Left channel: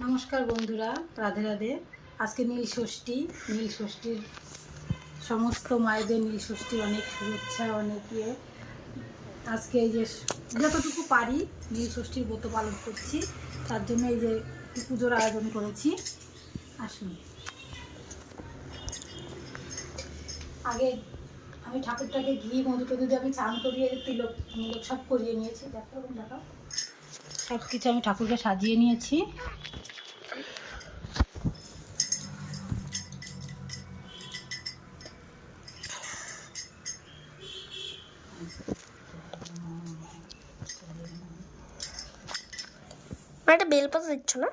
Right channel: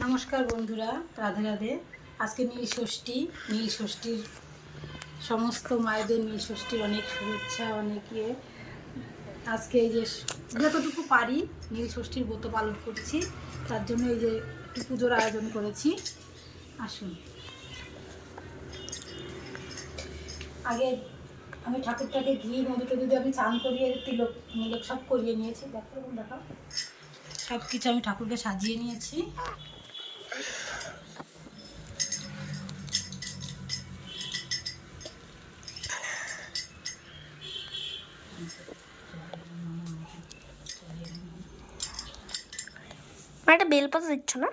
নমস্কার বন্ধুরা, রাধে রাধে। আজকে নীল ষষ্ঠীর সমস্ত মায়েদের নীল ষষ্ঠীর অনেক শুভেচ্ছা, অনেক আজকে এই যে যতটুকু পারি নীল ষষ্ঠীর ব্রত পালন করছি, তার জন্য এই যে একটু পুজোর আয়োজন করেছি। আসুন, আগে আমি ঠাকুরটাকে ঘি মধু টধু দিয়ে আমি চান করিয়ে তিলক মুলক সব করিয়ে নিয়েছি। দেখো সব কিছু আমি ঠাকুরকে সাজিয়ে নিয়েছি। একটা বেলপাতা দিচ্ছ না?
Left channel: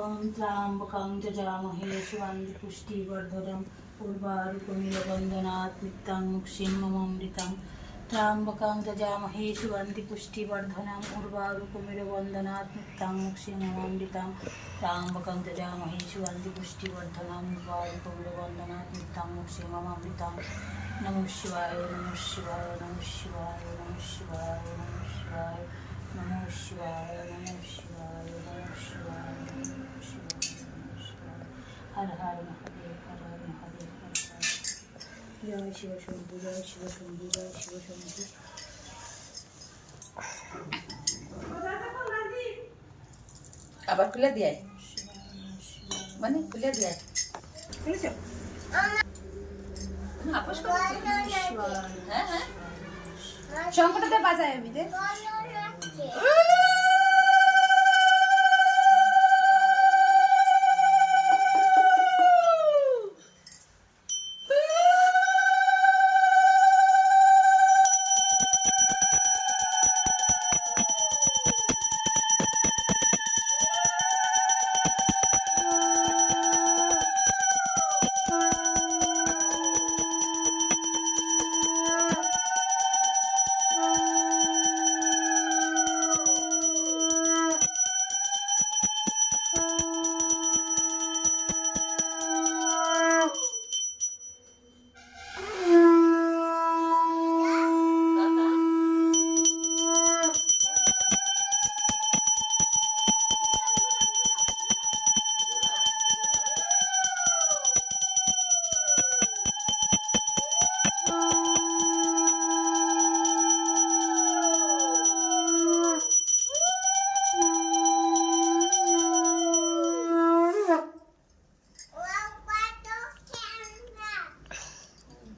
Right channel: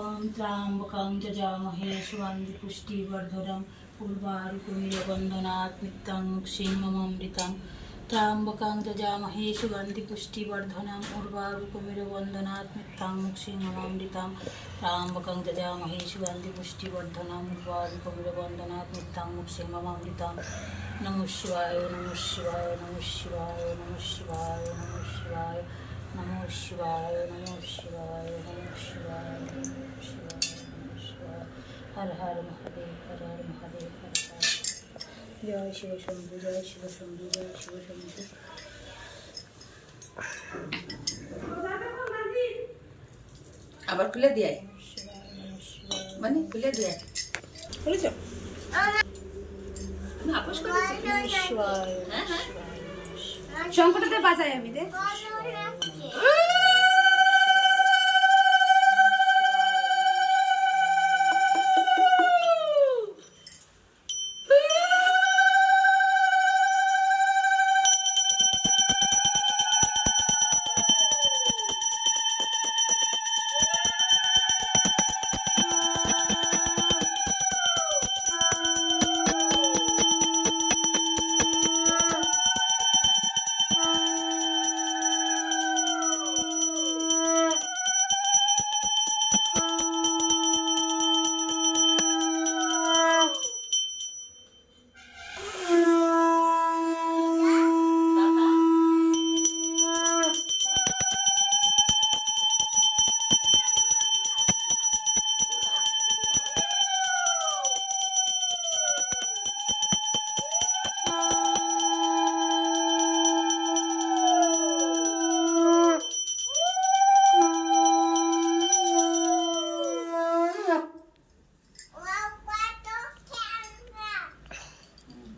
ओम त्र्यंबकं यजामहे सुगन्धि पुष्टिवर्धनम् उर्वारुकमिलबन्धनात् नित्यं क्षीमममृतं। त्र्यंबकं यजामहे सुगन्धि पुष्टिवर्धनम् उर्वारुकमिलबन्धनात् नित्यं क्षीमममृतं। त्र्यंबकं यजामहे सुगन्धि पुष्टिवर्धनम् उर्वारुकमिलबन्धनात् नित्यं क्षीमममृतं। नमः शिवाय, नमः शिवाय, नमः शिवाय, नमः शिवाय, नमः शिवाय, नमः शिवाय, नमः शिवाय, नमः शिवाय, नमः शिवाय, नमः शिवाय। हर हर महादेव, हर हर महादेव, हर हर। जय शिव शंभु, जय शिव शंभु, जय शिव शंभु। আবার খুলে দিয়ে মানে খুলে দিয়ে খুলেছ আমি আপোষ করেছি। শঙ্করটা বাজাই আমি দে।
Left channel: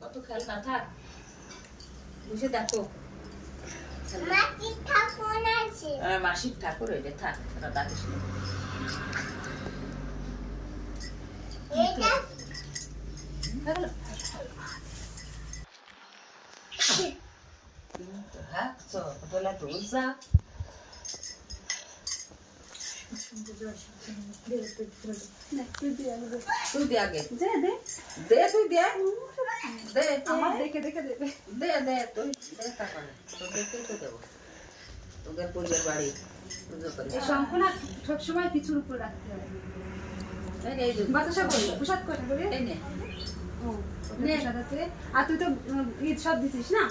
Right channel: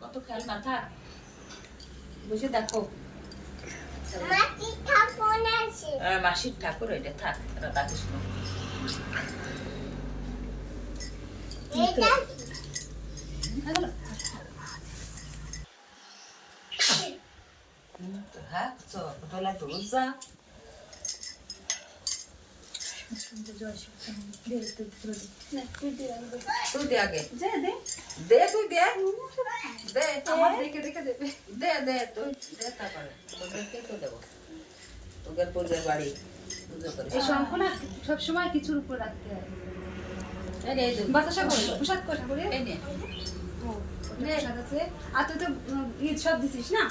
কত খেলনা থাক বসে দেখো মাসির ঠাকুর ওইটা থাক তাকে তোলা তো যা তুই দে আগে দে তুই দে দে আমার দেখে দেখে দেবে দে দে তুই দে তারপরে তোর দেখে তো দেবো তোদের পূর্বের বাড়ি পুজো করে এই শঙ্খ না সবসময় কিছুর উপর রাখতে হয়। এই যে বাতাসা বলি প্রসাদ করে বলি এই নে প্রসাদ আছে। আর তুই তো ঈদ সব দিছিস না,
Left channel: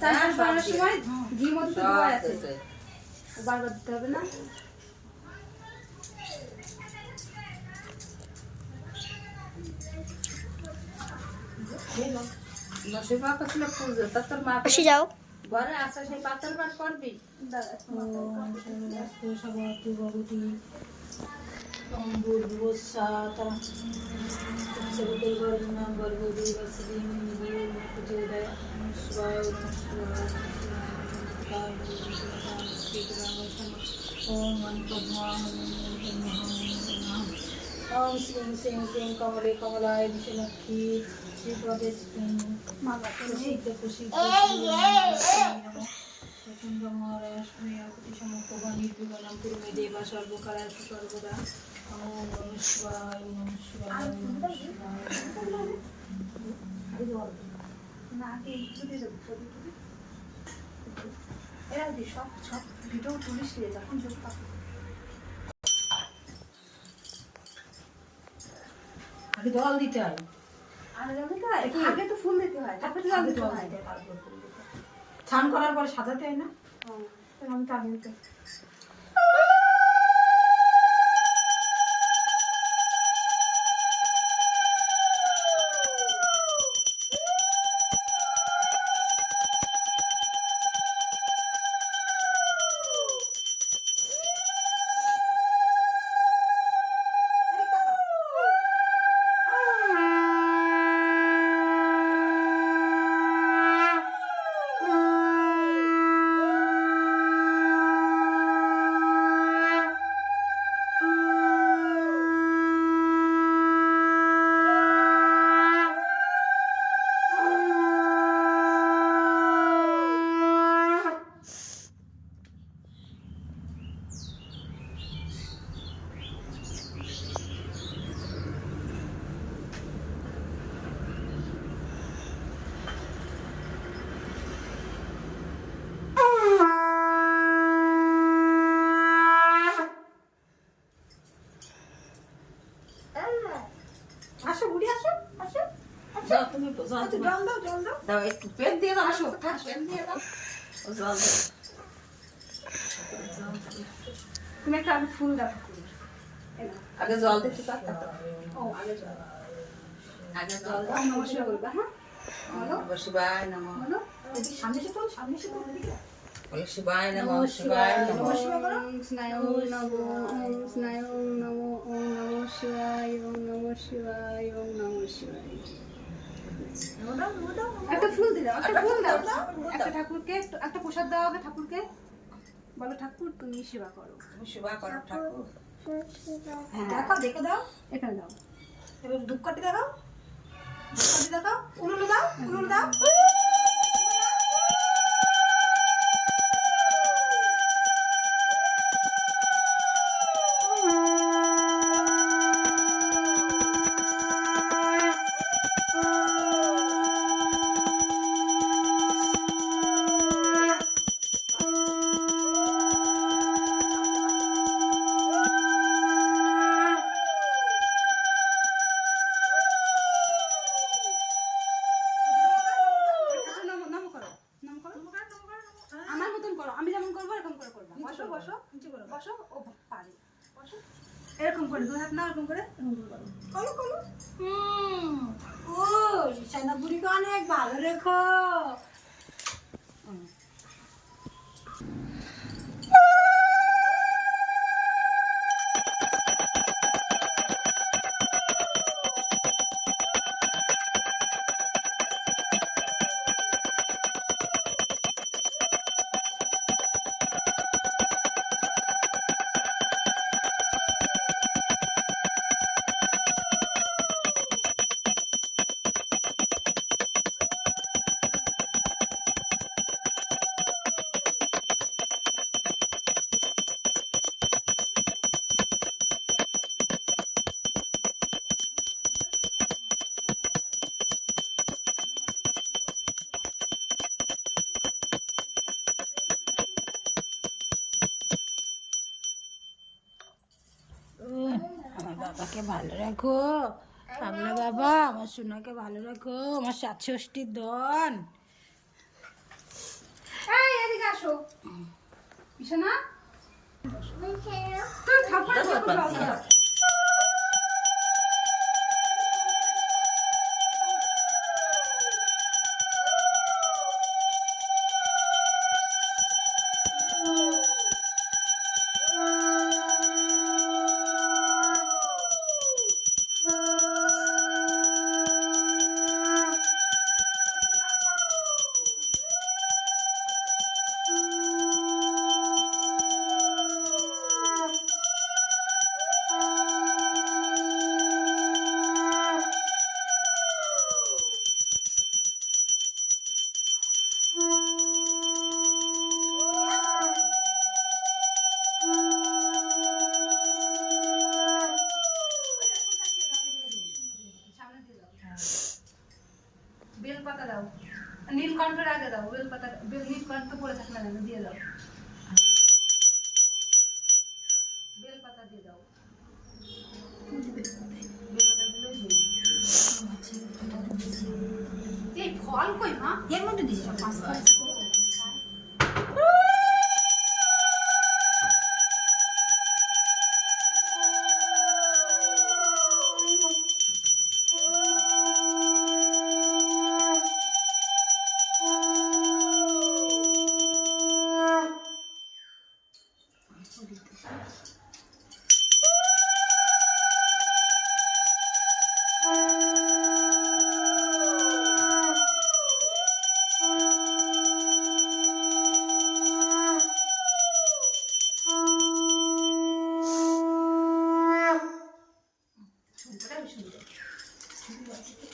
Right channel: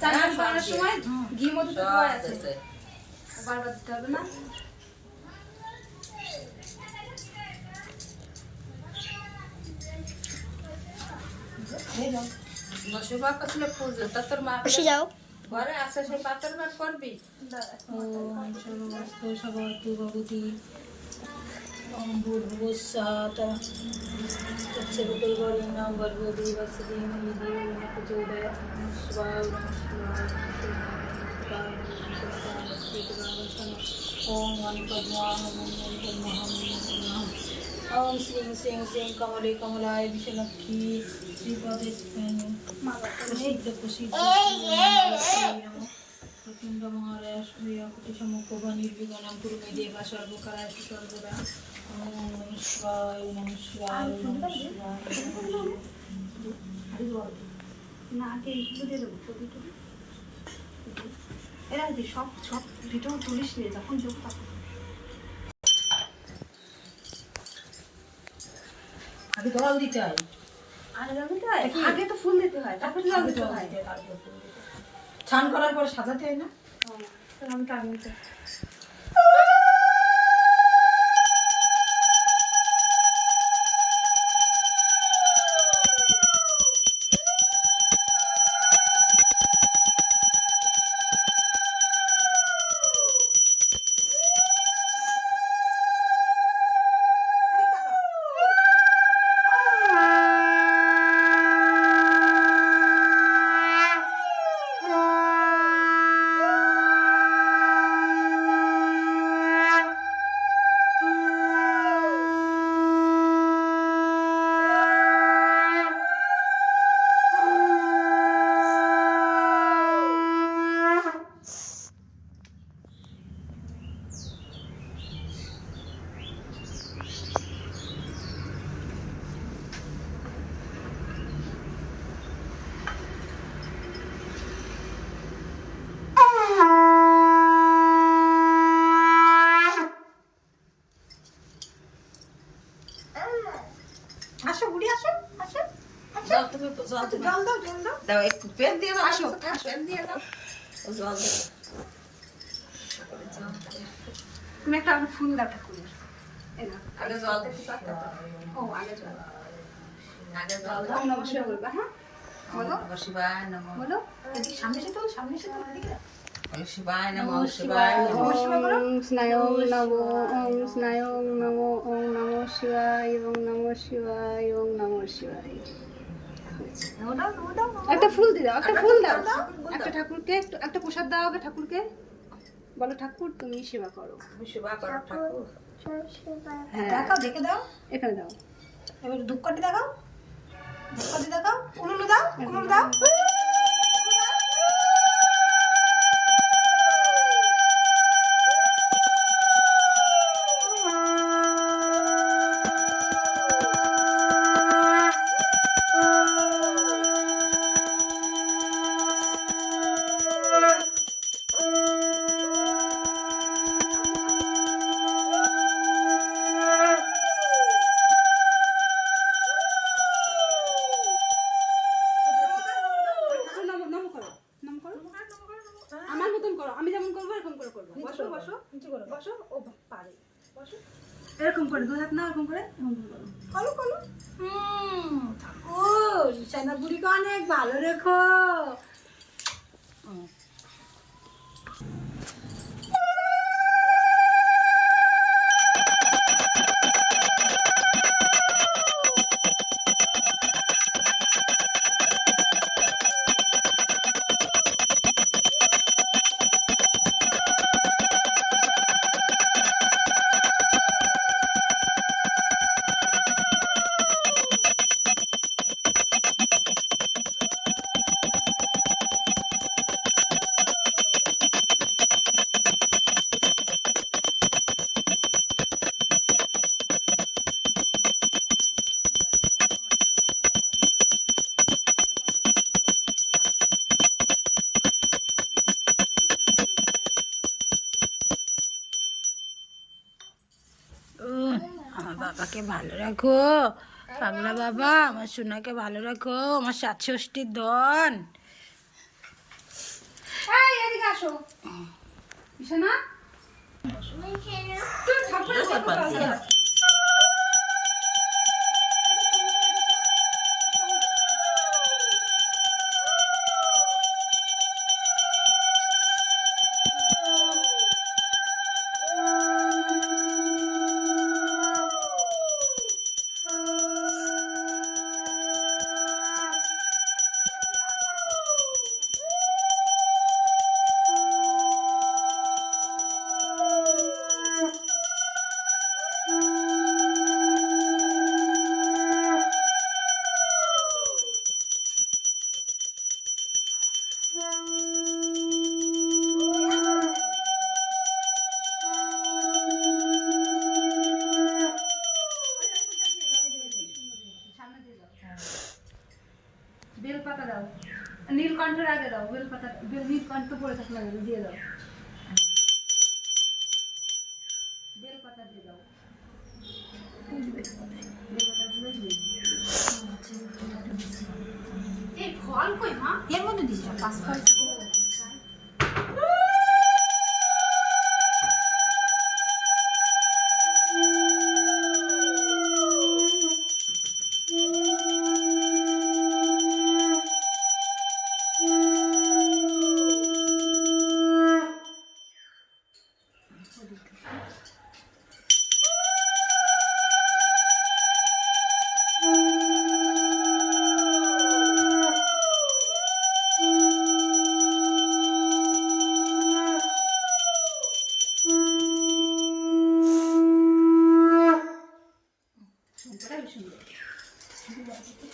চার হ্যাঁ, পাঁচ সব সময় ঘি মধু তো সব দেওয়া আছে, আছে। বারবার দিতে হবে না। নসির মা করছিল পুজো তা তোর মা আসি যাও। ঘরে আসে সেই পাথর বার করবি ওম সর্বস্তু সবতু ভগতি भूर्भुवस्सुः तत्सवितुर्वरेण्यं भर्गो देवस्य धीमहि धियो यो न प्रचोदयात्। শিবায় ওম ওম শ্রীং শ্রীং শ্রীং কমলে কমলায় বিশ্বলক্ষ্মী শ্রীপদে প্রসিদ্ধ প্রসিদ্ধ প্রচণ্ড মহারাজ প্রতি সমুখ নির্বিঘ্নম কুরুমে দেবা সর্বকালেষু সর্বদা ওম নমঃ শিবায় নমঃ শিবায় নমঃ শিবায়। না আগে এইগুলো দিয়ে দেবো ছবি টবি এরা দি সব সব ভিডিও তুলিস নিয়ে যখন যোগ তখন আগে জল দিতে হয়, আগে জল দিতে হয়, আগে তো ফুল দিতে হয় তারপরে জল দিতে হয়। তারপর ফুল দিতে হয়। স্নান করার পর সাজাতে হয় না? তাহলে আমি তো আগে দিতে আসো বুড়ি আসো আসো যাও তুমি জল দিবে। জল দাও জল দাও দাও একটু পেন দিয়ে দাও, আসো, পেন দিয়ে দাও, জল দাও। তুমি একটা আলু ফুল দাও ঠাকুরের এই নাও। আগে জল দিতে পারতা তো। ও আগে জল আগে জল দাও। ওম নমঃ শিবায় বলবা হ্যাঁ বলো নমঃ শিবায় নমঃ, বলো এদিকে সামনে এসে তো সামনে এসে তো এদিকে নমঃ শিবায় নমঃ শিবায় নমঃ। নমঃ শিবায় করো স্নায়ং নমো ওম স্নায়ং নমো ওম নমঃ শিবায় ওম নমঃ শিবায় ওম নমঃ শিবায় একটা ফুল দিয়ে দাও একটা ফুল দাও একটা ঠাকুরকে একটা প্রসাদ দাও আগে ঠাকুরকে বলো ঠাকুর তুমি সেবা করো তুমি সেবা করো ঠাকুর। হ্যাঁ দেখাও, দেখে দাও। এখানে দাও এবার ধূপকাঠি দেখাও, ধূপকাঠি দেখাও, উলুলু দাও, উলুলু দাও। ঠাকুর নাম নাম করো নাম করো আমার মতন করো আমি যেমন করবো এরকম করে করবো বসো বসো নিচে করো। বসো ও পারে বসো এরকম করে দু হাত না এরকম করে এরকম করে করো কলো কলো। ঠাকুর সানা বুড়িকে অনেক ভালো রেখো। আমার বাবাকে ভালো রাখো, পাগলা বাবা, আমার সোনাকে ভালো রাখো, আমার ৬৭ দন। এই এদিকে আসো বিছানা তুই ঠাকুরের দেখো কথা পাতি। বলো। নীলকণ্ঠের আগে দাও, বেলপাতা নীলকণ্ঠ পড়ে থাক না কেন, দিয়ে দাও, বেলপাতা দিয়ে দাও, বেলপাতা দিলেও দিয়ে দাও। এই ফল কই মা? এর মধ্যে দিছি সব পাঁচ ফল।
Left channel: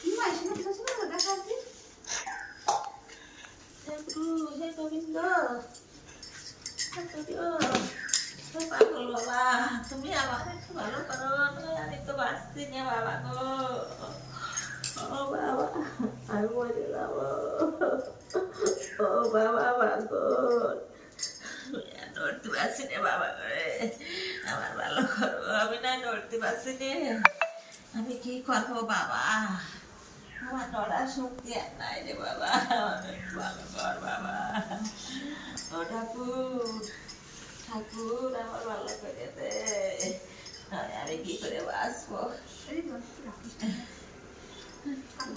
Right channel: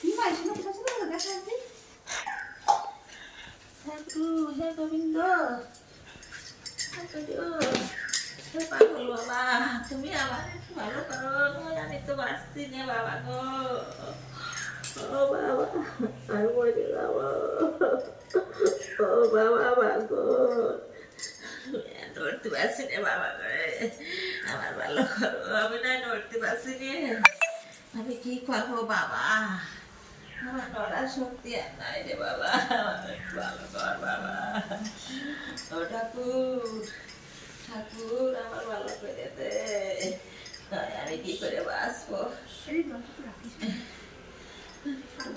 কি ভাই শুনে শুনে দেখা আছে হে গোবিন্দ, হে পাগল বাবা, তুমি আমার একটু ভালো করো, আমি তো বাঁচছি না বাবা গো। ও বাবা, আমি মরে গেলাম। ও বাবা বাগো, নড়তে পারছি না বাবা করে, আমার ভালো করো, আমি না নড়তে পারছি না, আমি কি করবো বাবা, আমার নড়ার শক্তি আর নাই রে বাবা, আমার একটু ভালো কর বাবা। ও ঠাকুর, ঠাকুর আমার ভালো করে দে, নয় আমি কি করে বাঁচবো,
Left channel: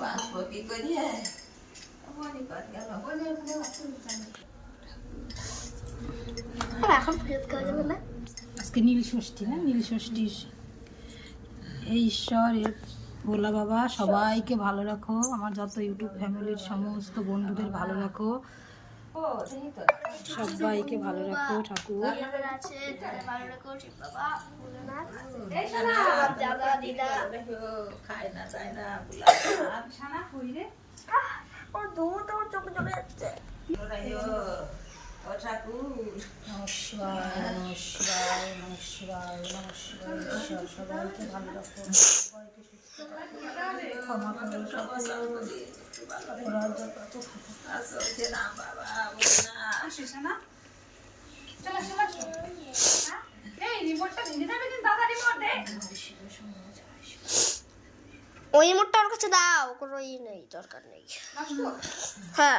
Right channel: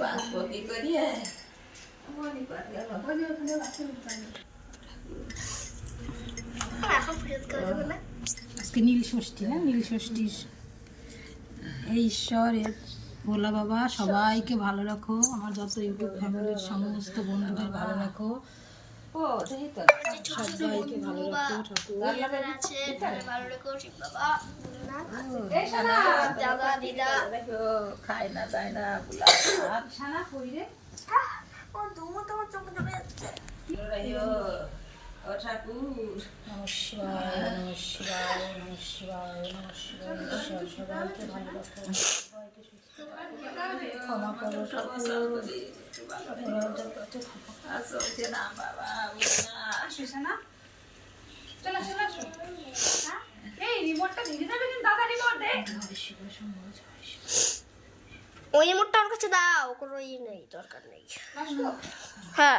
বাঁচবো কি করিয়ে, মনে কর গেল। আজকে নীল ষষ্ঠী না, নীল ষষ্ঠীর এই ঈশ্বরের ভোলা বাবা সবাইকে ভালো রাখো, আমার যত ইউটিউব ফ্যামিলির সমস্ত বন্ধুদের ভালো রাখো, সবাইকে ভালো রাখো ঠাকুর। দাদা দিদা খায় না যায় না সানা কই রে, ও দূর তখন চোখে চলে যাচ্ছে। ও ঠাকুর, নমস্কার নমস্কার নমস্কার নমস্কার, ঈশ্বর সবাইকে ভালো রাখো, সবাইকে সুস্থ রাখো, ক্ষমা করো ঠাকুর, অপরাধের কাছে ক্ষমা আসছে না বাবা, আসিস না, চলে চলে এই রিমোটটা ভেঙে যাবে কিন্তু, দাদা রিমোট দে। ওই মোটটা ওর কাছে দাও, কোনো ই নেই, দরকার নেই। হ্যাঁ।